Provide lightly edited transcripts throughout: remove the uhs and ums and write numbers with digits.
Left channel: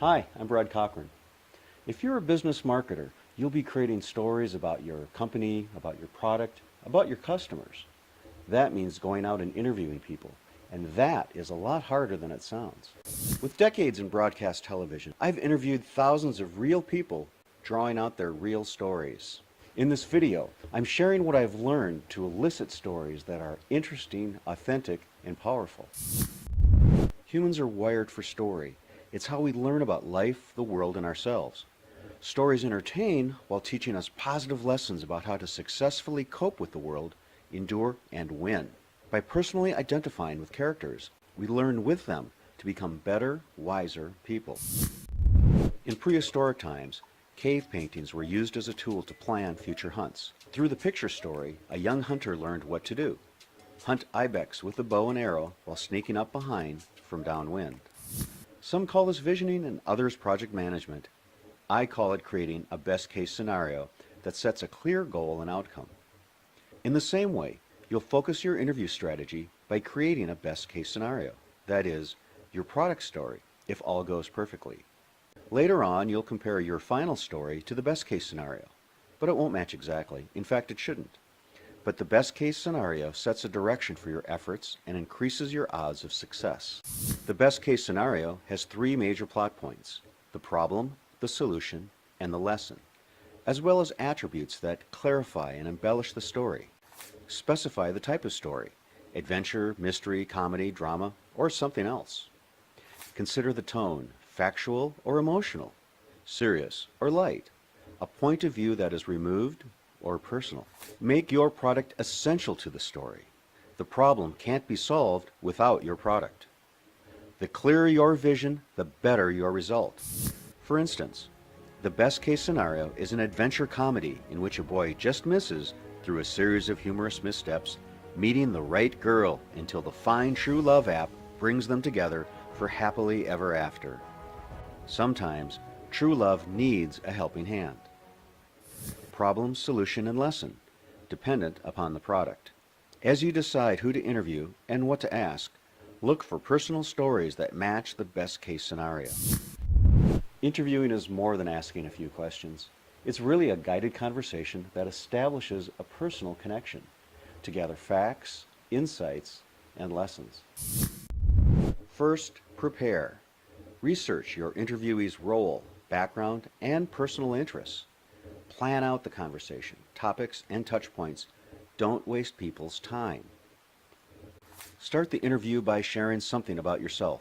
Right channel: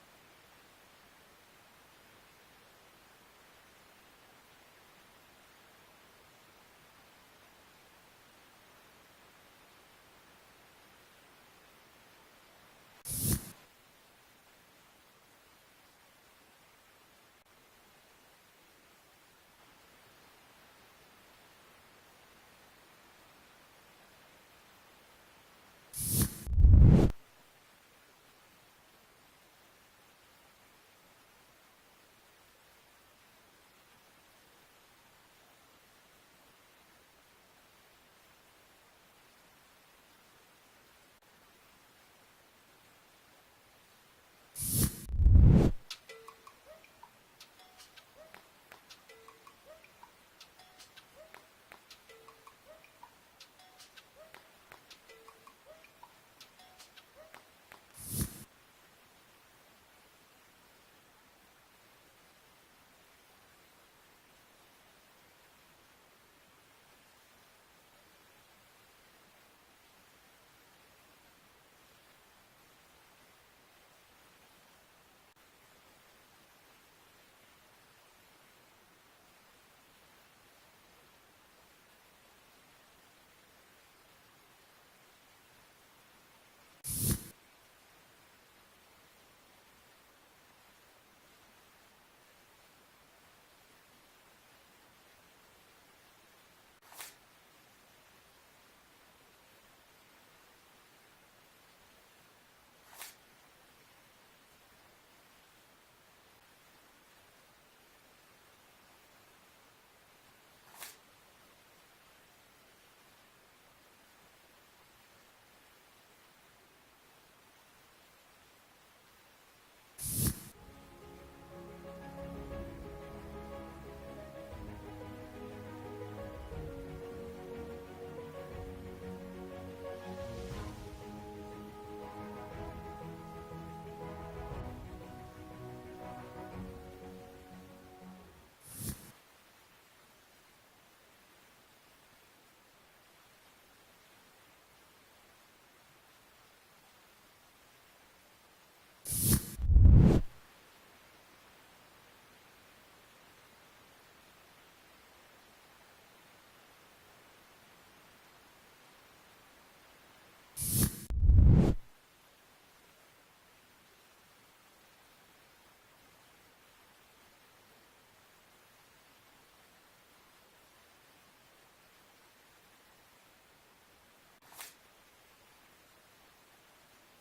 Hi, I'm Brad Cochran. If you're a business marketer, you'll be creating stories about your company, about your product, about your customers. That means going out and interviewing people, and that is a lot harder than it sounds. With decades in broadcast television, I've interviewed thousands of real people drawing out their real stories. In this video, I'm sharing what I've learned to elicit stories that are interesting, authentic, and powerful. Humans are wired for story. It's how we learn about life, the world, and ourselves. Stories entertain while teaching us positive lessons about how to successfully cope with the world, endure, and win. By personally identifying with characters, we learn with them to become better, wiser people. In prehistoric times, cave paintings were used as a tool to plan future hunts. Through the picture story, a young hunter learned what to do. Hunt ibex with a bow and arrow while sneaking up behind from downwind. Some call this visioning and others project management. I call it creating a best-case scenario that sets a clear goal and outcome. In the same way, you'll focus your interview strategy by creating a best-case scenario. That is, your product story, if all goes perfectly. Later on, you'll compare your final story to the best-case scenario, but it won't match exactly. In fact, it shouldn't. But the best-case scenario sets a direction for your efforts and increases your odds of success. The best-case scenario has three major plot points: the problem, the solution, and the lesson, as well as attributes that clarify and embellish the story. Specify the type of story: adventure, mystery, comedy, drama, or something else. Consider the tone: factual or emotional, serious or light, a point of view that is removed or personal. Make your product essential to the story. The problem can't be solved without your product. The clearer your vision, the better your result. For instance, the best case scenario is an adventure comedy in which a boy just misses, through a series of humorous missteps, meeting the right girl until the fine true love app brings them together for happily ever after. Sometimes, true love needs a helping hand. Problem, solution, and lesson, dependent upon the product. As you decide who to interview and what to ask, look for personal stories that match the best case scenario. Interviewing is more than asking a few questions. It's really a guided conversation that establishes a personal connection to gather facts, insights, and lessons. First, prepare. Research your interviewee's role, background, and personal interests. Plan out the conversation, topics, and touch points. Don't waste people's time. Start the interview by sharing something about yourself.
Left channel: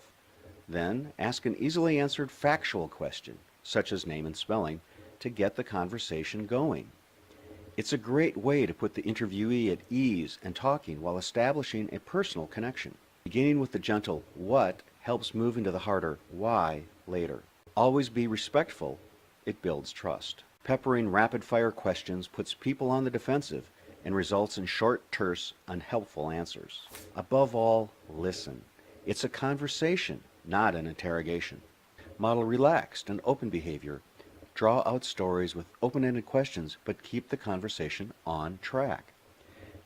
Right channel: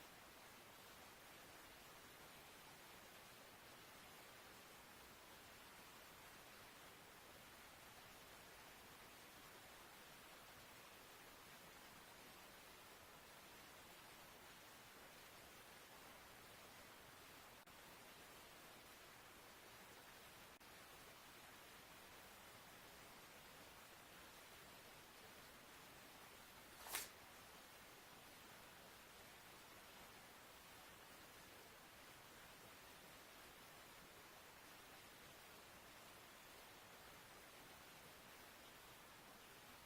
Then ask an easily answered factual question, such as name and spelling, to get the conversation going. It's a great way to put the interviewee at ease and talking while establishing a personal connection. Beginning with the gentle "what" helps move into the harder "why" later. Always be respectful. It builds trust. Peppering rapid-fire questions puts people on the defensive and results in short, terse, unhelpful answers. Above all, listen. It's a conversation, not an interrogation. Model relaxed and open behavior. Draw out stories with open-ended questions, but keep the conversation on track.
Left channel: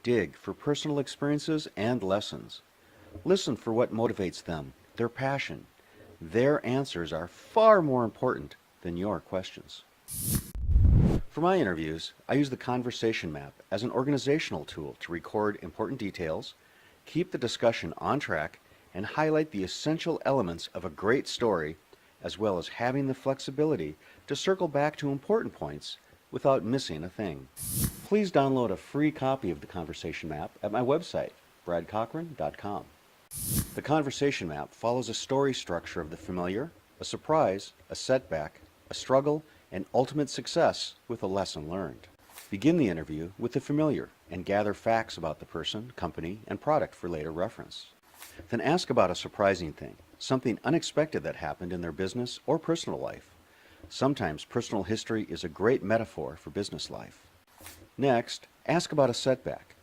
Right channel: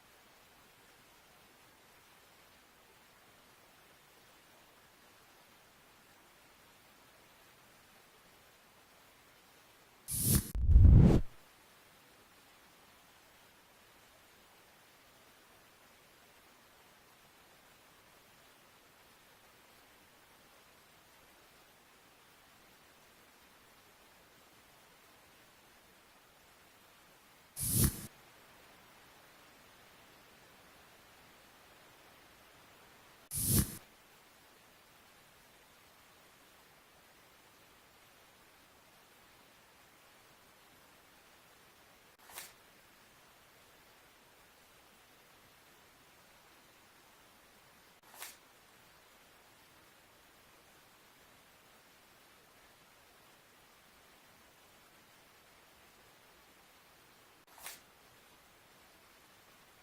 Dig for personal experiences and lessons. Listen for what motivates them, their passion. Their answers are far more important than your questions. For my interviews, I use the conversation map as an organizational tool to record important details, keep the discussion on track, and highlight the essential elements of a great story, as well as having the flexibility to circle back to important points without missing a thing. Please download a free copy of the conversation map at my website, bradcochran.com. The conversation map follows a story structure of the familiar, a surprise, a setback, a struggle, and ultimate success with a lesson learned. Begin the interview with the familiar and gather facts about the person, company, and product for later reference. Then ask about a surprising thing, something unexpected that happened in their business or personal life. Sometimes personal history is a great metaphor for business life. Next, ask about a setback.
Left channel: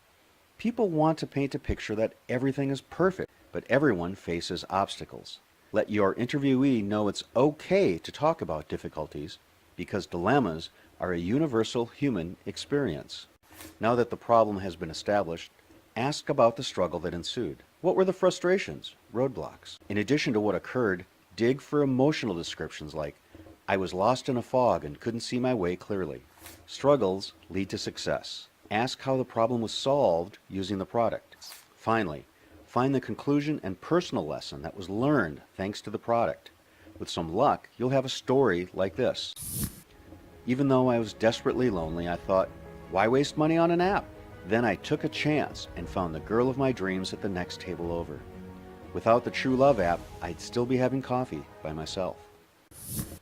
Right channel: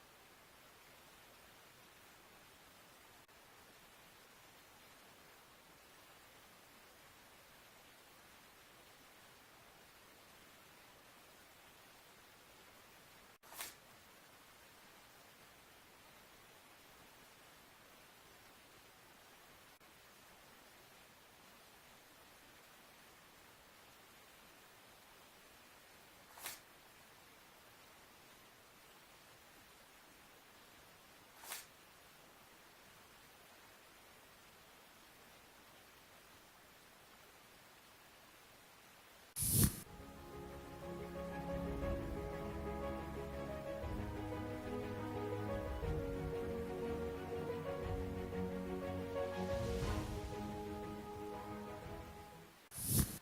People want to paint a picture that everything is perfect, but everyone faces obstacles. Let your interviewee know it's okay to talk about difficulties, because dilemmas are a universal human experience. Now that the problem has been established, ask about the struggle that ensued. What were the frustrations, roadblocks? In addition to what occurred, Dig for emotional descriptions like, I was lost in a fog and couldn't see my way clearly. Struggles lead to success. Ask how the problem was solved using the product. Finally, find the conclusion and personal lesson that was learned thanks to the product. With some luck, you'll have a story like this. Even though I was desperately lonely, I thought, why waste money on an app? Then I took a chance and found the girl of my dreams at the next table over. Without the True Love app, I'd still be having coffee by myself.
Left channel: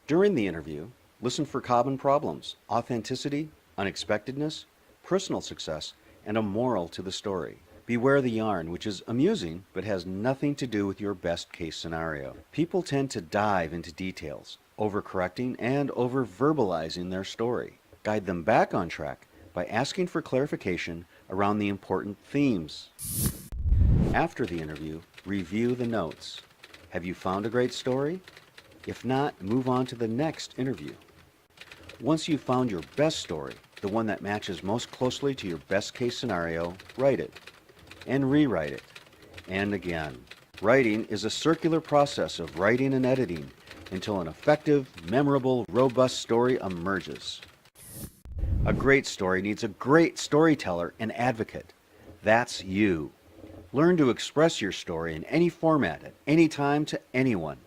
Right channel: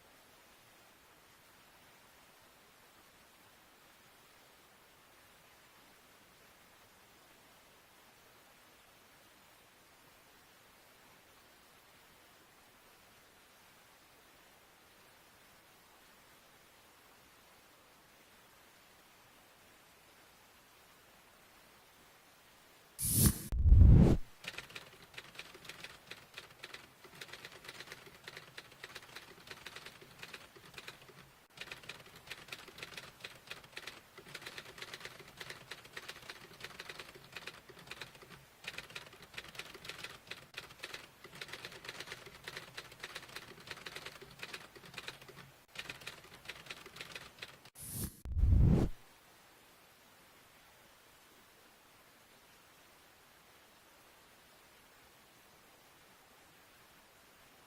During the interview, listen for common problems, authenticity, unexpectedness, personal success, and a moral to the story. Beware the yarn, which is amusing but has nothing to do with your best case scenario. People tend to dive into details, overcorrecting and over-verbalizing their story. Guide them back on track by asking for clarification around the important themes. After the interview, review the notes. Have you found a great story? If not, move on to the next interview. Once you've found your best story, the one that matches most closely to your best case scenario, write it and rewrite it, and again. Writing is a circular process of writing and editing until an effective, memorable, robust story emerges. A great story needs a great storyteller and advocate. That's you. Learn to express your story in any format at any time to anyone.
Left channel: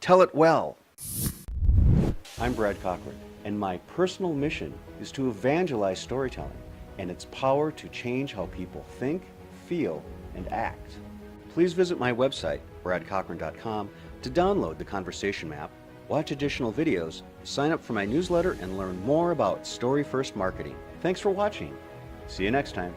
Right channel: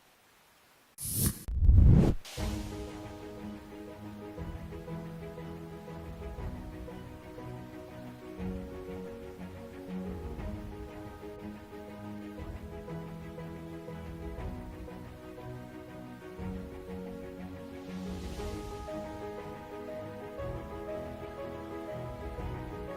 Tell it well. I'm Brad Cochran, and my personal mission is to evangelize storytelling and its power to change how people think, feel, and act. Please visit my website, bradcochran.com, to download the conversation map, watch additional videos, sign up for my newsletter, and learn more about story-first marketing. Thanks for watching. See you next time.